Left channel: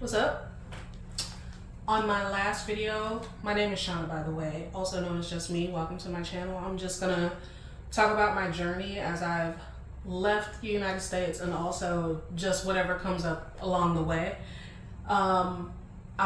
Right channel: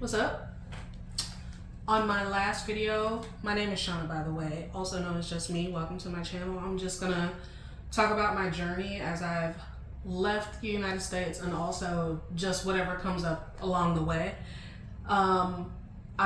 What's up? On my last video, my name is Shauna, by the way, also known as Just Me. Welcome to my channel. I'm just gonna talk about my journey as I've left the United States and also just whatever comes up along the way. I'm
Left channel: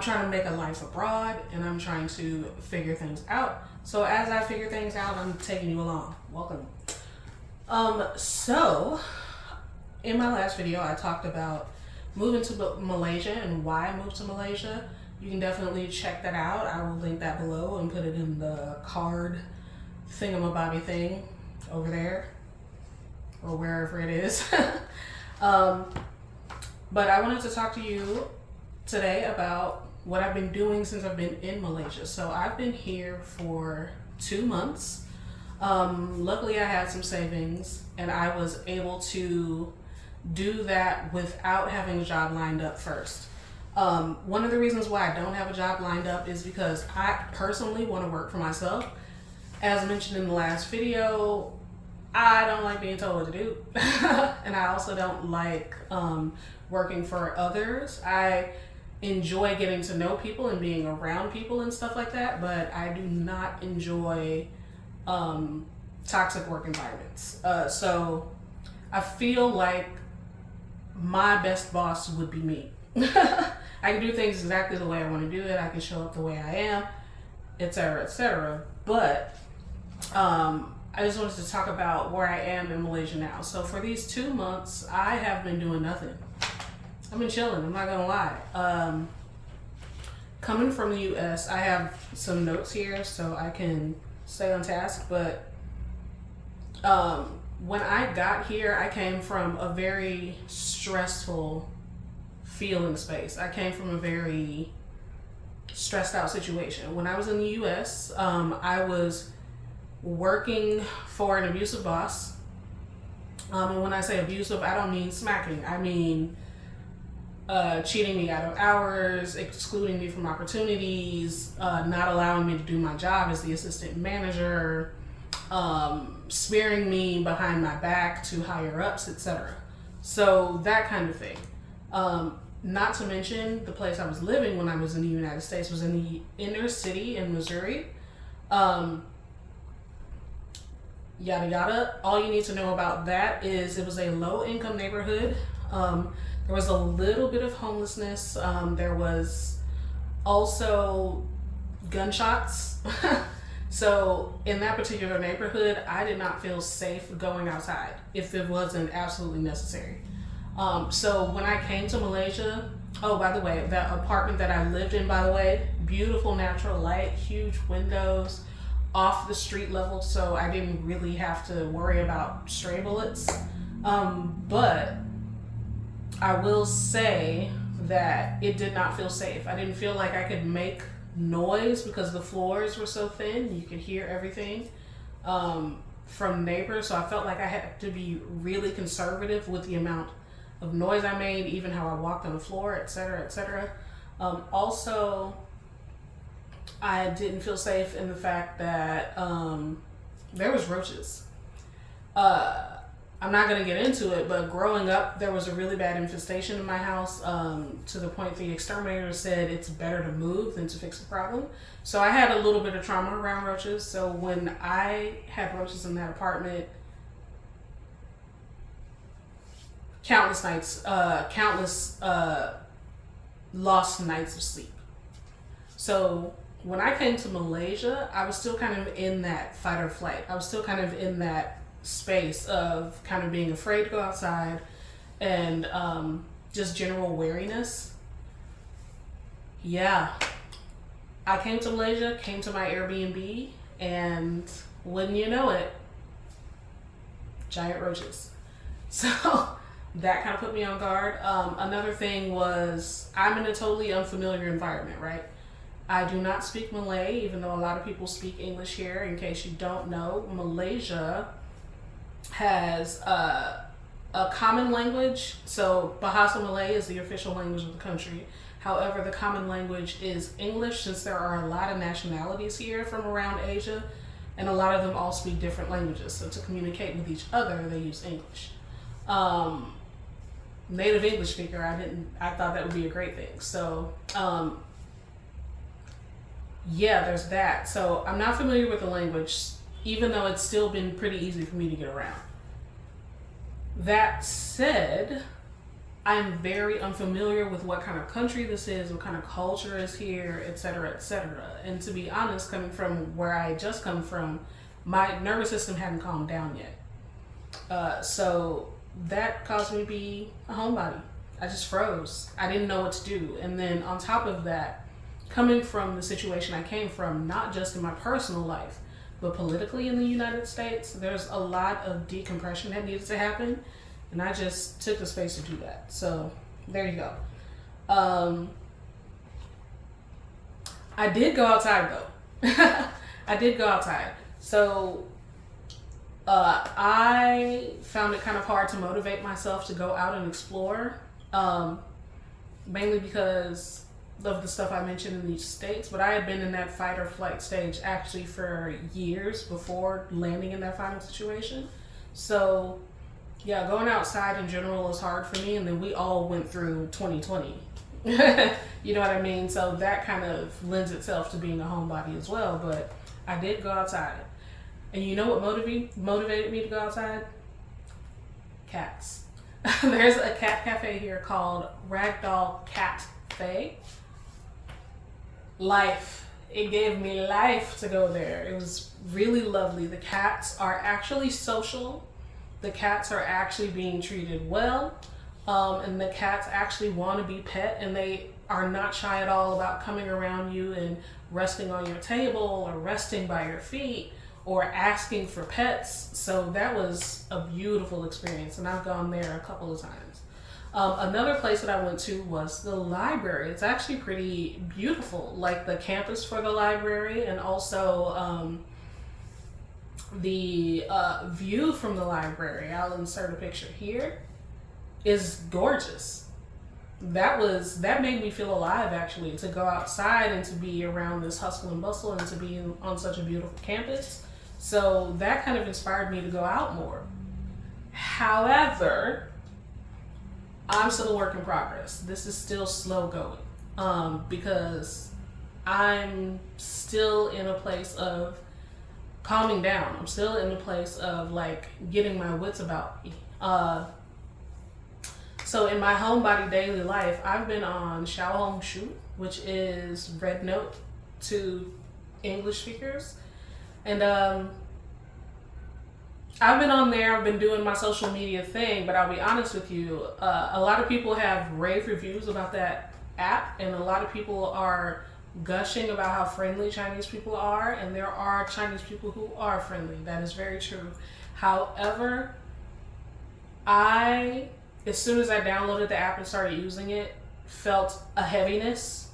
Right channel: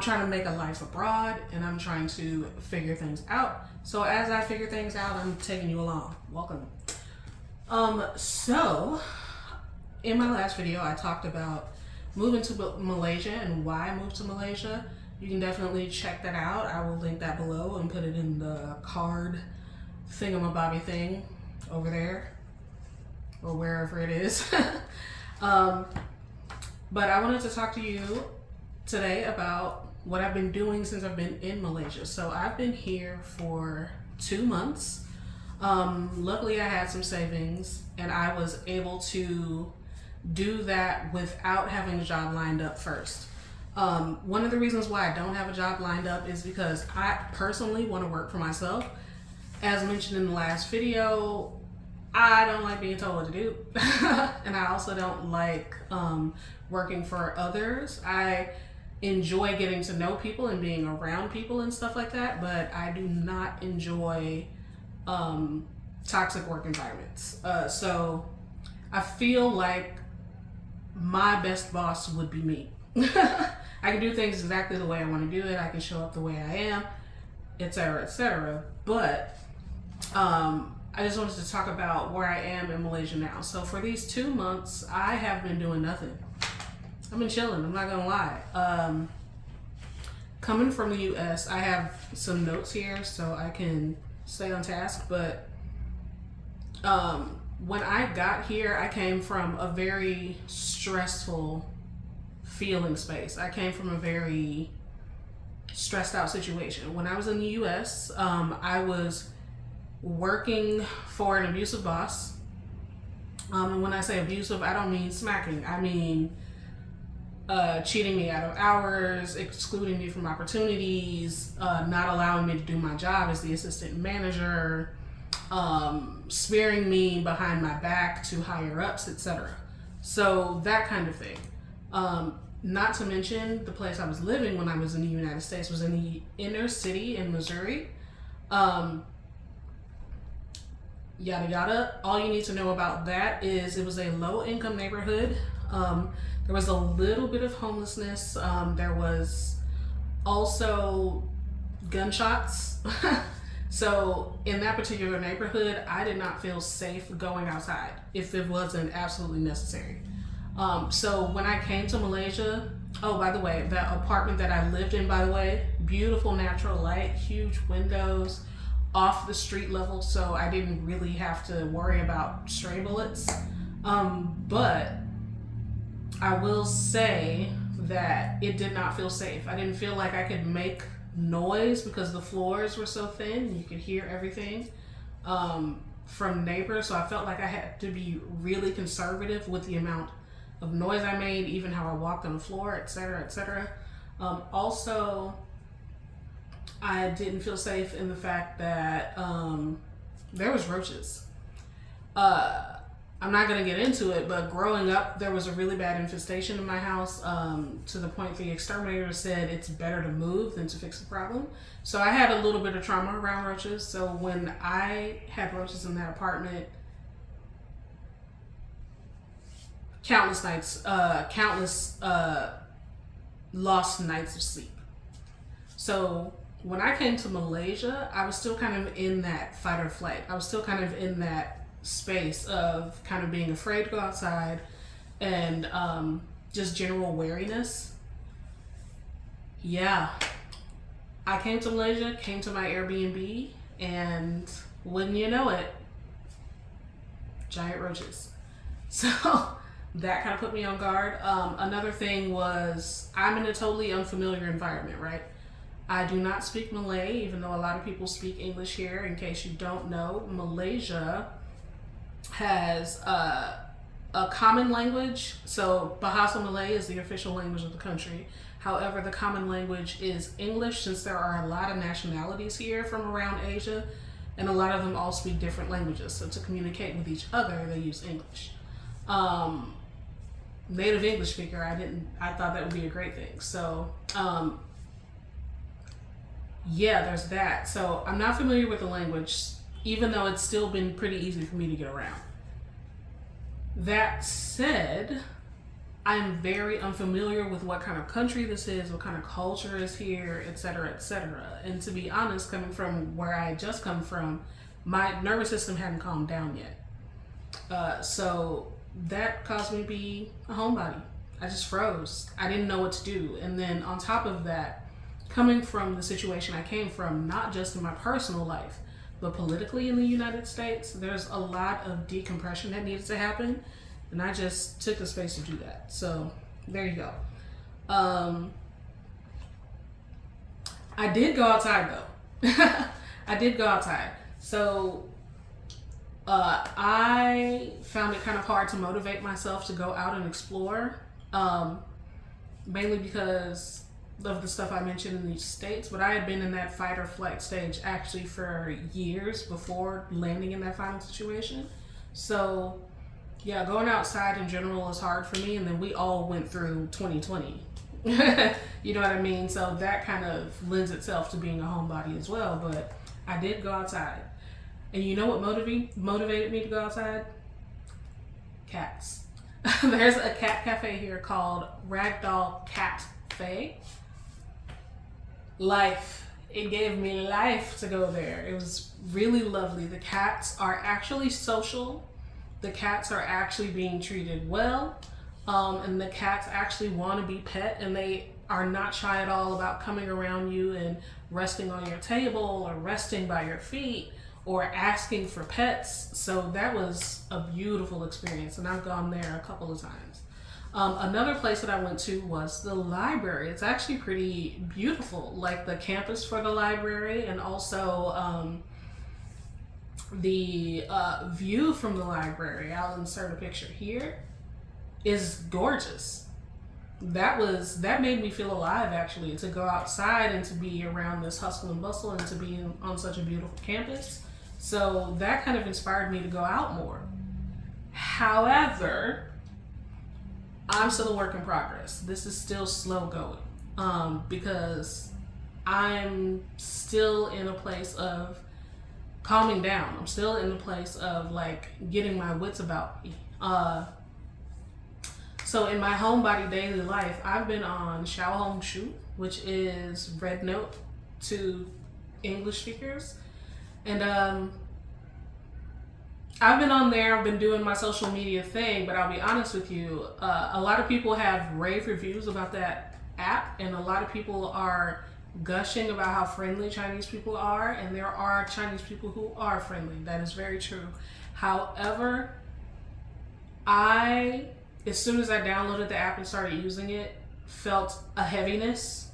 trying to make a life abroad and I'm trying to figure things out. So as I figure things out, I'm taking you along. Welcome. So in my last video, I talked about moving to Malaysia and why I moved to Malaysia. You can definitely check that out. I will link that below and put it in the card thingamabobby thing over there or wherever it is. But I wanted to talk to you today about what I've been doing since I've been in Malaysia. So I've been here for 2 months. Luckily I had some savings and I was able to do that without having a job lined up first. One of the reasons why I don't have a job lined up is because I personally want to work for myself. As mentioned in the last video, I don't like being told what to do. And I also don't like working for others. I enjoy getting to know people and being around people and stuff like that, but I do not enjoy toxic work environments. So I feel like my best boss would be me. I can do things exactly the way I want to do it. I can show up the way I am, etc., etc. But I just wanted to talk about where I am in Malaysia now. So for these 2 months, I have been doing nothing. I've been chilling, I'm not gonna lie. Coming from the US, I have some notes here so I can stay on task, but when I got here, I came from a very stressful feeling space. I came from a very stressed out situation. When I was in the US, I was working for an abusive boss. And when I say abusive, I don't mean smacking. I mean cheating me out of hours, excluding me from opportunities, not allowing me to do my job as the assistant manager, smearing me behind my back to higher ups, etc. So that kind of thing. Not to mention the place I was living when I was in the United States was in the inner city in Missouri. Yada yada. All you need to know about that is it was a low income neighborhood. There was a little bit of homelessness. There was also gunshots. So in that particular neighborhood, I did not feel safe going outside if it wasn't absolutely necessary. So when I came to Malaysia, oh, by the way, that apartment that I lived in, by the way, beautiful natural light, huge windows, off the street level, so I didn't really have to worry about stray bullets. But I will say that it did not feel safe. I didn't feel like I could make noise because the floors were so thin. You could hear everything from neighbors. So I felt like I had to be really conservative with the amount of noise I made, even how I walked on the floor, etc., etc. Also, I didn't feel safe in the fact that there was roaches. I'm not gonna get into it, but growing up, there was a really bad infestation in my house, to the point the exterminator said it's better to move than to fix the problem. So I had a little bit of trauma around roaches. So when I had roaches in that apartment, countless nights, lost nights of sleep. So when I came to Malaysia, I was still kind of in that fight or flight. I was still kind of in that space of kind of being afraid to go outside and just general wariness. Yeah, I came to Malaysia, came to my Airbnb, and wouldn't you know it, giant roaches. So that kind of put me on guard. Another thing was I'm in a totally unfamiliar environment, right? I do not speak Malay, even though a lot of people speak English here. In case you don't know, Malaysia has a common language. So Bahasa Malay is the official language of the country. However, the common language is English, since there are a lot of nationalities here from around Asia, and a lot of them all speak different languages. So to communicate with each other, they use English. native English speaker, I thought that would be a great thing. So, yeah, there's that. So I'm not familiar with the language, even though it's still been pretty easy for me to get around. That said, I'm very unfamiliar with what kind of country this is, what kind of culture is here, etc., etc. And to be honest, coming from where I had just come from, my nervous system hadn't calmed down yet. So that caused me to be a homebody. I just froze. I didn't know what to do. And then on top of that, coming from the situation I came from, not just in my personal life, but politically in the United States, there's a lot of decompression that needs to happen. And I just took the space to do that. So there you go. I did go outside though. I did go outside. So I found it kind of hard to motivate myself to go out and explore. Mainly because of the stuff I mentioned in these states, but I had been in that fight or flight stage actually for years before landing in that final situation. So yeah, going outside in general is hard for me, and then we all went through 2020. You know what I mean? So that kind of lends itself to being a homebody as well, but I did go outside. And you know what motivated me to go outside? Cats. There's a cat cafe here called Ragdoll Cafe. Life. It gave me life to go there. It was really lovely. The cats are actually social. The cats are actually being treated well, and the cats actually want to be pet, and they are not shy at all about coming around you and resting on your table or resting by your feet or asking for pets. So that was a beautiful experience, and I've gone there a couple of times. Another place that I went to was the library. It's actually pretty beautiful, like the campus for the library, and also the view from the library, I'll insert a picture here, is gorgeous. That made me feel alive, actually, to go outside and to be around this hustle and bustle and to be on such a beautiful campus. So that kind of inspired me to go out more. However, I'm still a work in progress. This is still slow going, because I'm still in a place of calming down. I'm still in the place of like getting my wits about me. So in my homebody daily life, I've been on Xiaohongshu, which is Red Note to English speakers. And I've been on there, I've been doing my social media thing, but I'll be honest with you, a lot of people have rave reviews about that app, and a lot of people are gushing about how friendly Chinese people are, and there are Chinese people who are friendly. That is very true. However, as soon as I downloaded the app and started using it, felt a heaviness.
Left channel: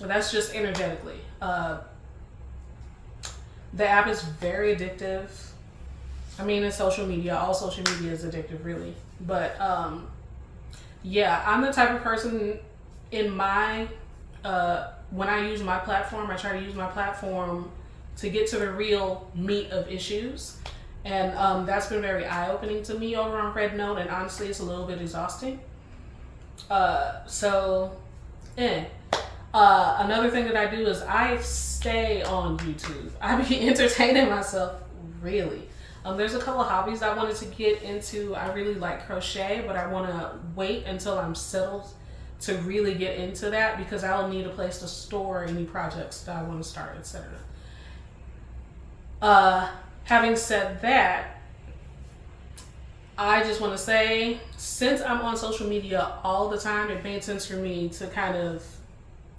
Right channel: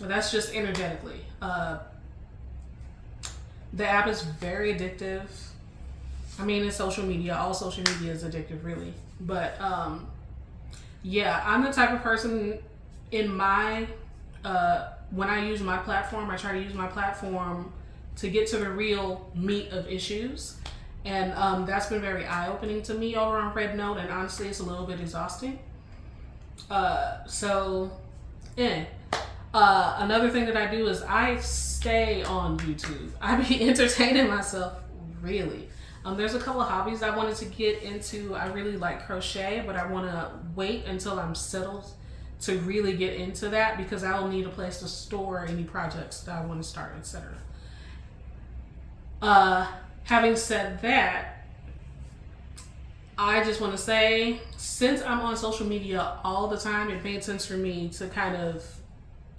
That's just energetically. The app is very addictive. I mean, it's social media. All social media is addictive, really. But yeah, I'm the type of person in my when I use my platform, I try to use my platform to get to the real meat of issues, and that's been very eye-opening to me over on Red Note, and honestly, it's a little bit exhausting. Another thing that I do is I stay on YouTube. I be entertaining myself, really. There's a couple of hobbies I wanted to get into. I really like crochet, but I want to wait until I'm settled to really get into that, because I'll need a place to store any projects that I want to start, etc. Having said that, I just want to say, since I'm on social media all the time, it made sense for me to kind of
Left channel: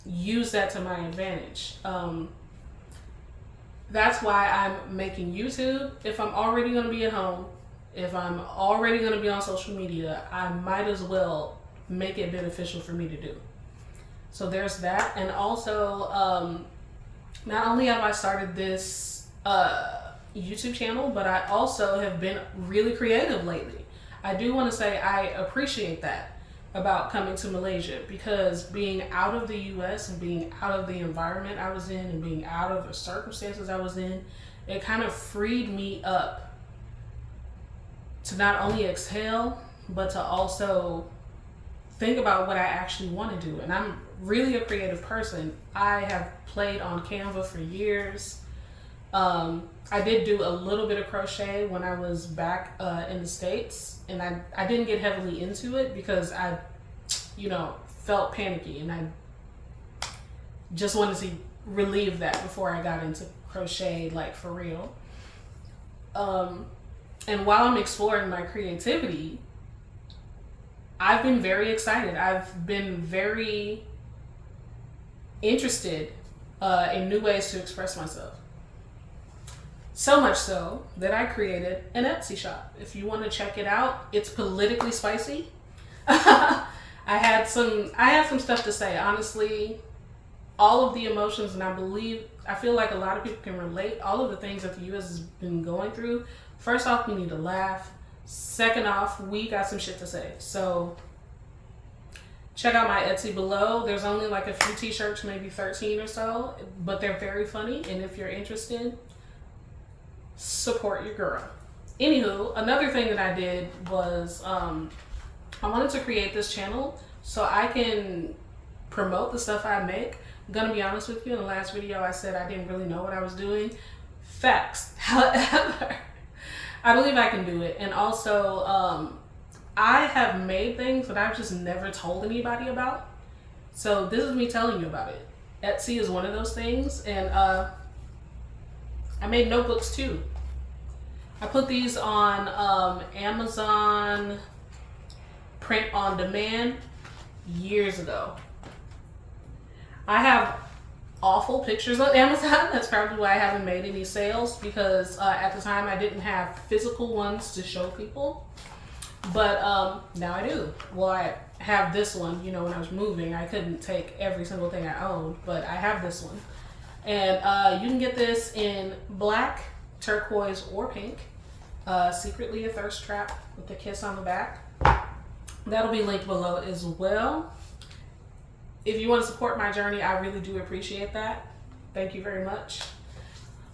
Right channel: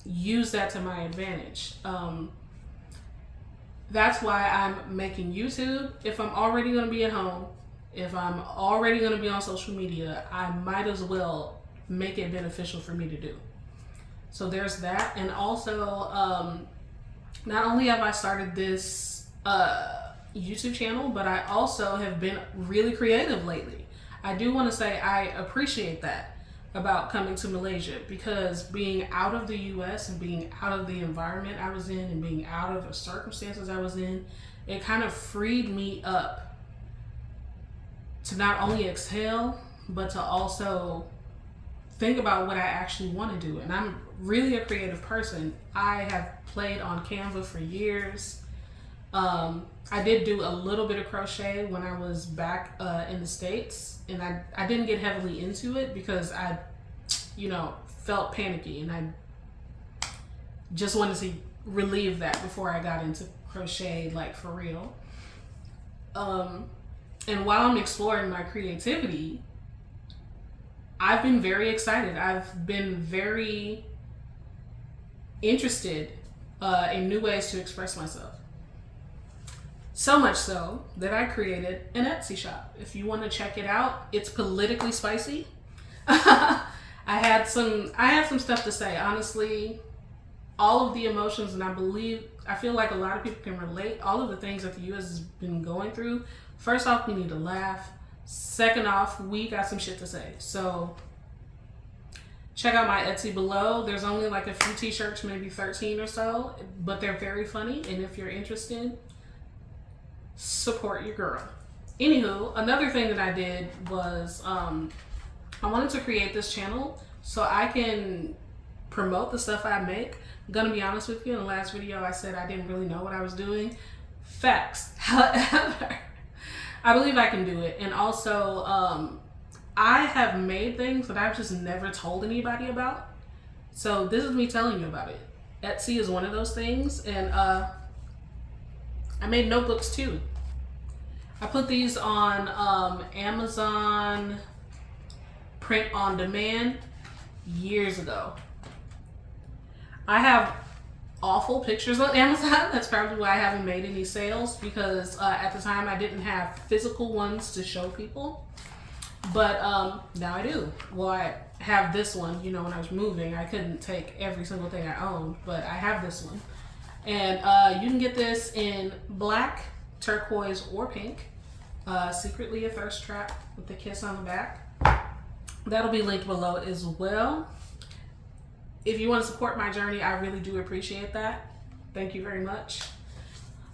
use that to my advantage. That's why I'm making YouTube. If I'm already going to be at home, if I'm already going to be on social media, I might as well make it beneficial for me to do. So there's that. And also, not only have I started this YouTube channel, but I also have been really creative lately. I do want to say I appreciate that about coming to Malaysia, because being out of the US and being out of the environment I was in and being out of the circumstances I was in, it kind of freed me up to not only exhale, but to also think about what I actually want to do. And I'm really a creative person. I have played on Canva for years. I did do a little bit of crochet when I was back in the States, and I didn't get heavily into it because I, felt panicky, and I just wanted to relieve that before I got into crochet, like for real. And while I'm exploring my creativity, I've been very excited. I've been very interested in new ways to express myself. So much so that I created an Etsy shop. If you want to check it out, it's politically spicy. I had some stuff to say. Honestly, all of the emotions, and I feel like a lot of people can relate. All of the things that the U.S. has been going through. First off, we need to laugh. Second off, we got some shit to say. So check out my Etsy below. There's only like a few t-shirts, maybe 13 or so, but they're very funny. And if you're interested, support your girl. Anywho, another thing that I did was I wanted to create this channel so I can promote the stuff I make. I'm gonna be honest with you, in the last video I said I didn't really know what I was doing. Facts. However, I believe I can do it. And also, I have made things that I've just never told anybody about. So this is me telling you about it. Etsy is one of those things, and I made notebooks too. I put these on Amazon print on demand years ago. I have awful pictures on Amazon. That's probably why I haven't made any sales, because at the time I didn't have physical ones to show people. But now I do. Well, I have this one. When I was moving, I couldn't take every single thing I owned, but I have this one. And you can get this in black, turquoise, or pink. Secretly a thirst trap with the kiss on the back. That'll be linked below as well. If you want to support my journey, I really do appreciate that. Thank you very much.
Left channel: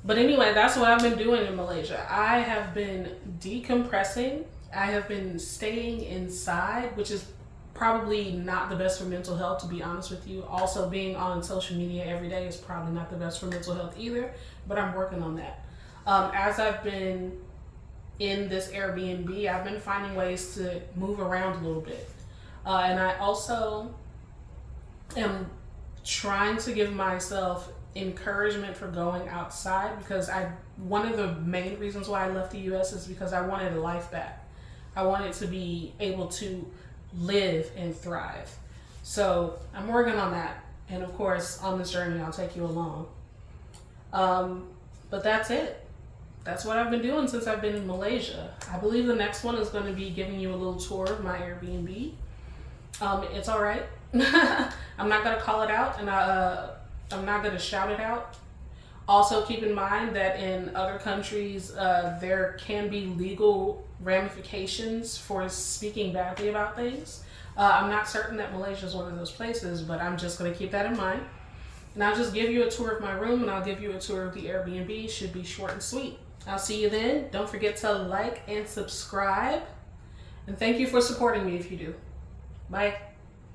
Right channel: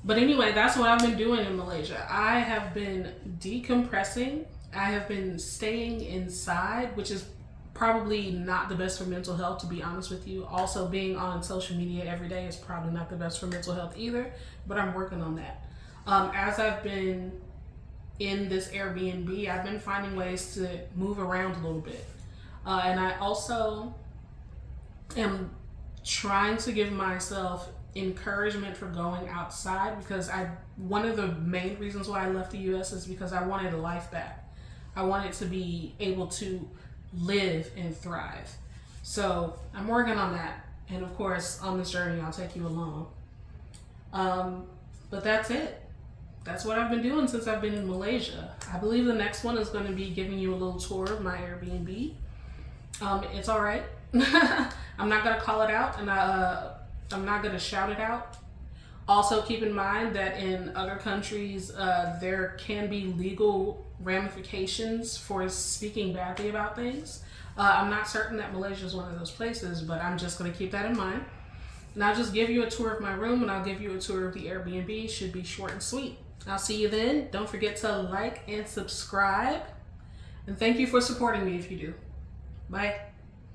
But anyway, that's what I've been doing in Malaysia. I have been decompressing. I have been staying inside, which is probably not the best for mental health, to be honest with you. Also, being on social media every day is probably not the best for mental health either, but I'm working on that. As I've been in this Airbnb, I've been finding ways to move around a little bit. And I also am trying to give myself encouragement for going outside, because one of the main reasons why I left the US is because I wanted a life back. I wanted to be able to live and thrive. So I'm working on that. And of course, on this journey, I'll take you along. But that's it. That's what I've been doing since I've been in Malaysia. I believe the next one is going to be giving you a little tour of my Airbnb. It's all right. I'm not going to call it out, and I'm not going to shout it out. Also, keep in mind that in other countries, there can be legal ramifications for speaking badly about things. I'm not certain that Malaysia is one of those places, but I'm just going to keep that in mind. And I'll just give you a tour of my room, and I'll give you a tour of the Airbnb. Should be short and sweet. I'll see you then. Don't forget to like and subscribe. And thank you for supporting me if you do. Bye.